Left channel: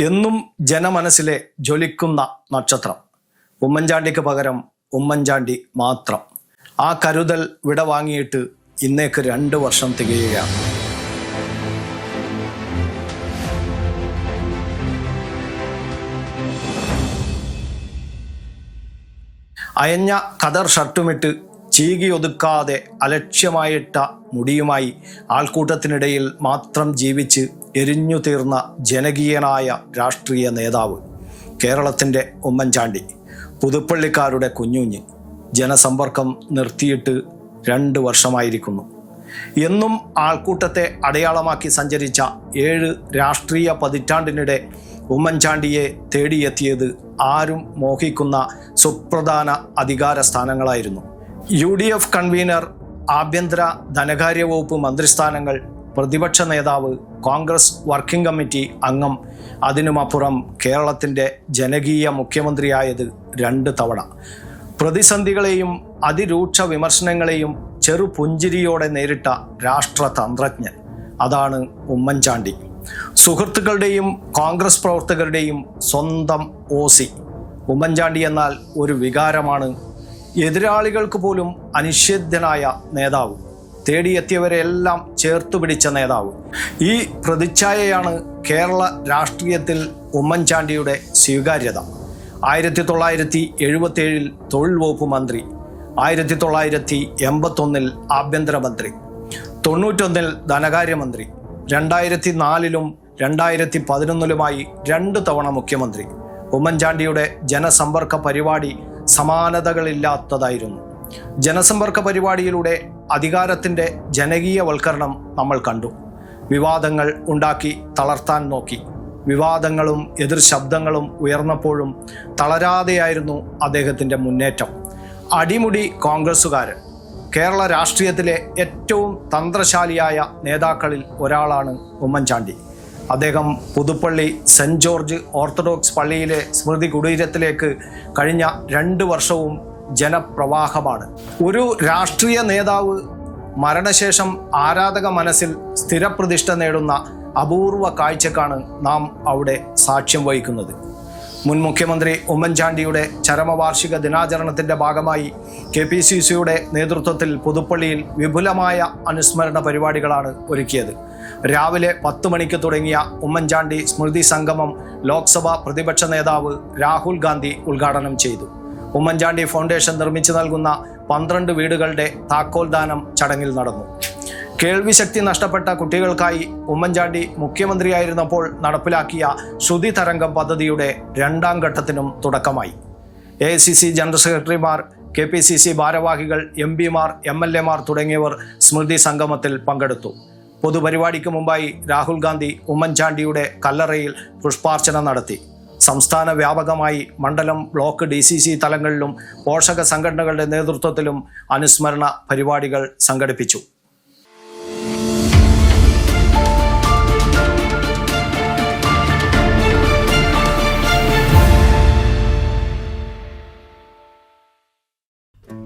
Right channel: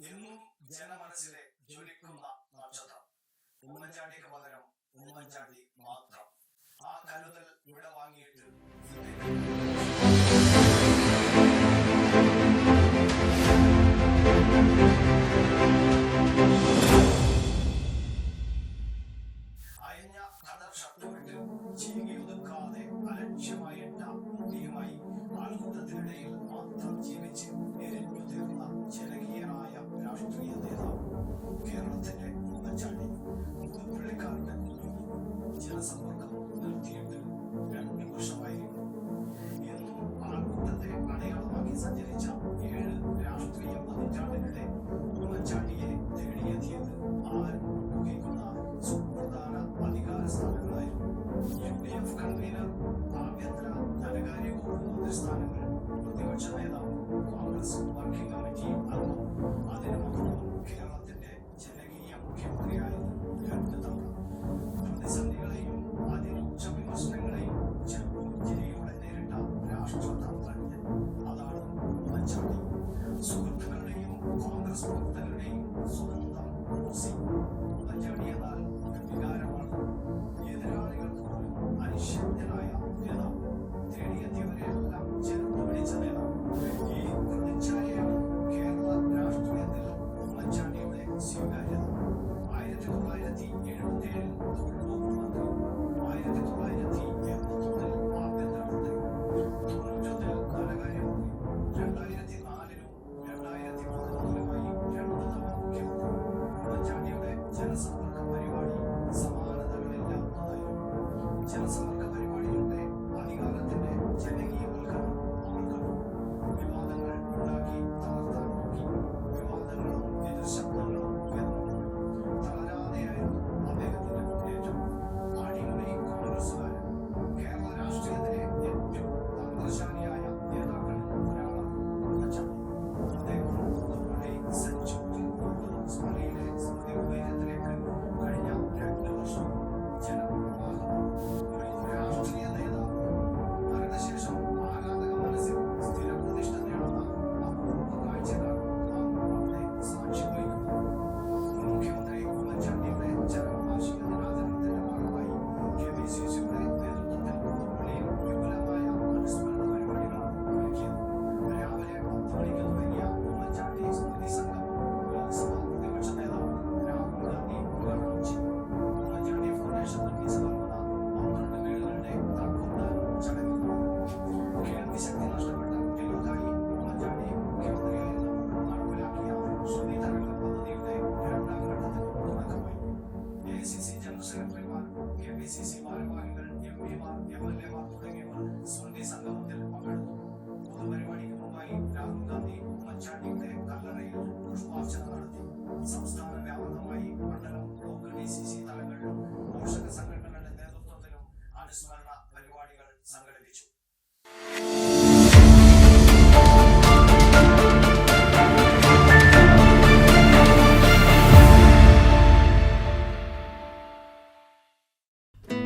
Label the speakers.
Speaker 1: എന്നും ജനമനസ്സിലെ ജ്വലിക്കുന്ന നക്ഷത്രം. ഉമ്മൻചാണ്ടിക്ക് പകരം ഉമ്മൻചാണ്ടി മാത്രം. ആ കരുതൽ വിട വാങ്ങിയിട്ട് ഇന്നേക്ക് രണ്ട് വർഷം തികയുകയാണ്. അയഞ്ഞ കതർ ഷർട്ടുമിട്ട് ചീകി ഒതുക്കാതെ അലക്ഷ്യമായിട്ട മുടിയുമായി ആൾക്കൂട്ടത്തിനിടയിൽ മാത്രം ജീവിച്ച് എരിഞ്ഞു തീർന്ന ജനകീയനായ രാഷ്ട്രീയ നേതാവ് കേരളത്തിന്റെ ഉമ്മൻചാണ്ടി പുതുപ്പള്ളിക്കാരുടെ കുഞ്ഞുഞ്ഞ് ജനസമ്പർക്കം നിർത്തിയിട്ട് രണ്ട് വർഷമായിരിക്കുന്നു. എന്നും ആൾക്കൂട്ടത്തെ അടയാളമാക്കി സഞ്ചരിച്ച ഏഴ് രാഷ്ട്രീയ പതിറ്റാണ്ടിനിടെ ഉമ്മൻചാണ്ടിയെ തേടിയെത്തിയത് ആരും മോഹിക്കുന്ന സുപ്രധാന അധികാര സ്ഥാനങ്ങളായിരുന്നു യു ഡി എഫ് കൺവീനർ ആഭ്യന്തര ധനകാര്യ വകുപ്പ് മന്ത്രിസ്ഥാനങ്ങൾ പ്രതിപക്ഷ നേതാവ് കോൺഗ്രസ് വർക്കിംഗ് കമ്മിറ്റി അംഗം. അതിനുമപ്പുറം കേരളത്തിന്റെ ജനകീയ മുഖ്യമന്ത്രിയായത് രണ്ട് തവണ. പ്രതിസന്ധികളെയും അതിരൂക്ഷ വിമർശനങ്ങളെയും ചെറുപുഞ്ചിരിയോടെ നേരിട്ട രാഷ്ട്രതന്ത്രജ്ഞൻ. അതാണ് ഉമ്മൻചാണ്ടി. സുഹൃത്തുക്കളുടെയും കോൺഗ്രസ് പ്രവർത്തകരുടെയും സ്വന്തം ഓസി. ഉമ്മൻചാണ്ടി എന്നാൽ ഒരു വികാരമാണ് എതിരാളികൾക്ക് പോലും അനിഷേധ്യനായ നേതാവ്. തേടിയെത്തിയവരെല്ലാം ചേർത്തു പിടിച്ച നേതാവ്. ഈ പ്രതിച്ഛായയാണ് കേരള രാഷ്ട്രീയത്തിൽ ഉമ്മൻചാണ്ടിയുടെ സ്വീകാര്യത. ആയിരത്തി തൊള്ളായിരത്തി എഴുപത്തേഴിൽ തൊഴിൽ വകുപ്പ് മന്ത്രി ആയിരത്തി തൊള്ളായിരത്തി എൺപത്തൊന്നിൽ ആഭ്യന്തരമന്ത്രി തൊണ്ണൂറ്റൊന്നിൽ ധനകാര്യമന്ത്രി രണ്ടായിരത്തി നാലിലും രണ്ടായിരത്തി പതിനൊന്നിലുമായി രണ്ട് തവണ മുഖ്യമന്ത്രി. ഉമ്മൻചാണ്ടിയുടെ ജനസമ്പർക്ക പരിപാടി സമാനതകളില്ലാത്തതായിരുന്നു. ജനസമ്പർക്ക പരിപാടിയിലൂടെ അധികാരത്തിന്റെ ജനകീയവൽക്കരണം നമ്മൾ കണ്ടു. വിവാദങ്ങൾ ഉണ്ടാക്കി തളർത്താൻ നോക്കി. വിവാദങ്ങളും എതിർ ശബ്ദങ്ങളും ഉയർന്നപ്പോഴും തളരാതെയായിരുന്നു അദ്ദേഹത്തിന്റെ മുന്നേറ്റം. അടിമുടി കോൺഗ്രസ്സുകാരൻ കേരള രാഷ്ട്രീയത്തിലെ ഏറ്റവും തന്ത്രശാലിയായ നേതാക്കളിൽ ഒരാളാണ് ഉമ്മൻചാണ്ടി. അദ്ദേഹം പുതുപ്പള്ളി സെന്റ് ജോർജ് ഓർത്തഡോക്സ് പള്ളിയിലെ സ്മൃതി കുടീരത്തിലേക്ക് കഴിഞ്ഞ രണ്ട് വർഷവും ജനപ്രവാഹമാണ്. ഒരു രാഷ്ട്രീയ നേതാവ് മരണശേഷം ആരാധക മനസ്സിൽ സ്ഥിരപ്രതിഷ്ഠ നേടുന്ന അപൂർവ കാഴ്ചക്കാണ് നാം അവിടെ സാക്ഷ്യം വഹിക്കുന്നത്. മുൻ മുഖ്യമന്ത്രി ഉമ്മൻചാണ്ടിയുടെ ചരമവാർഷിക ദിനാചരണത്തിന്റെ ഭാഗമായി കെ പി സി സിയുടെ നേതൃത്വത്തിൽ പുതുപ്പള്ളിയിൽ വിപുലമായ അനുസ്മരണ പരിപാടികളാണ് ഒരുക്കിയത്. രാവിലെ പത്ത് മണിക്ക് തുടങ്ങിയ ഉമ്മൻചാണ്ടി സ്മൃതി സംഗമം ലോക്സഭാ പ്രതിപക്ഷ നേതാവ് രാഹുൽ ഗാന്ധി ഉദ്ഘാടനം ചെയ്തു. ഉമ്മൻചാണ്ടി ഫൗണ്ടേഷൻ നിർമ്മിച്ചു നൽകുന്ന പന്ത്രണ്ട് വീടുകളുടെ താക്കോൽദാനം ചടങ്ങിൽ നടന്നു. കേൾവിശക്തി നഷ്ടപ്പെട്ട കുട്ടികൾക്കായി ഉമ്മൻചാണ്ടി മുഖ്യമന്ത്രിയായിരുന്നപ്പോൾ നടപ്പിലാക്കിയ ശ്രുതി തരംഗം പദ്ധതിയുടെ രണ്ടാം ഘട്ടത്തിനും തുടക്കമായി. എ ജനറൽ സെക്രട്ടറിമാർ കെ പി സി സി ഭാരവാഹികൾ എം പിമാർ എം എൽ എമാർ തുടങ്ങിയവർ സ്മൃതി സംഗമത്തിൽ പങ്കെടുത്തു. പൊതുപരിപാടിക്ക് മുമ്പായി രാഹുൽ ഗാന്ധി ഉമ്മൻചാണ്ടിയുടെ കല്ലറയിൽ പുഷ്പാർച്ചന നടത്തി. സംസ്ഥാന വ്യാപകമായി മണ്ഡലം ബ്ലോക്ക് ഡി സി സി തലങ്ങളിലും പോഷക സംഘടനകളുടെ നേതൃത്വത്തിലും അനുസ്മരണ പരിപാടികൾ സംഘടിപ്പിച്ചു.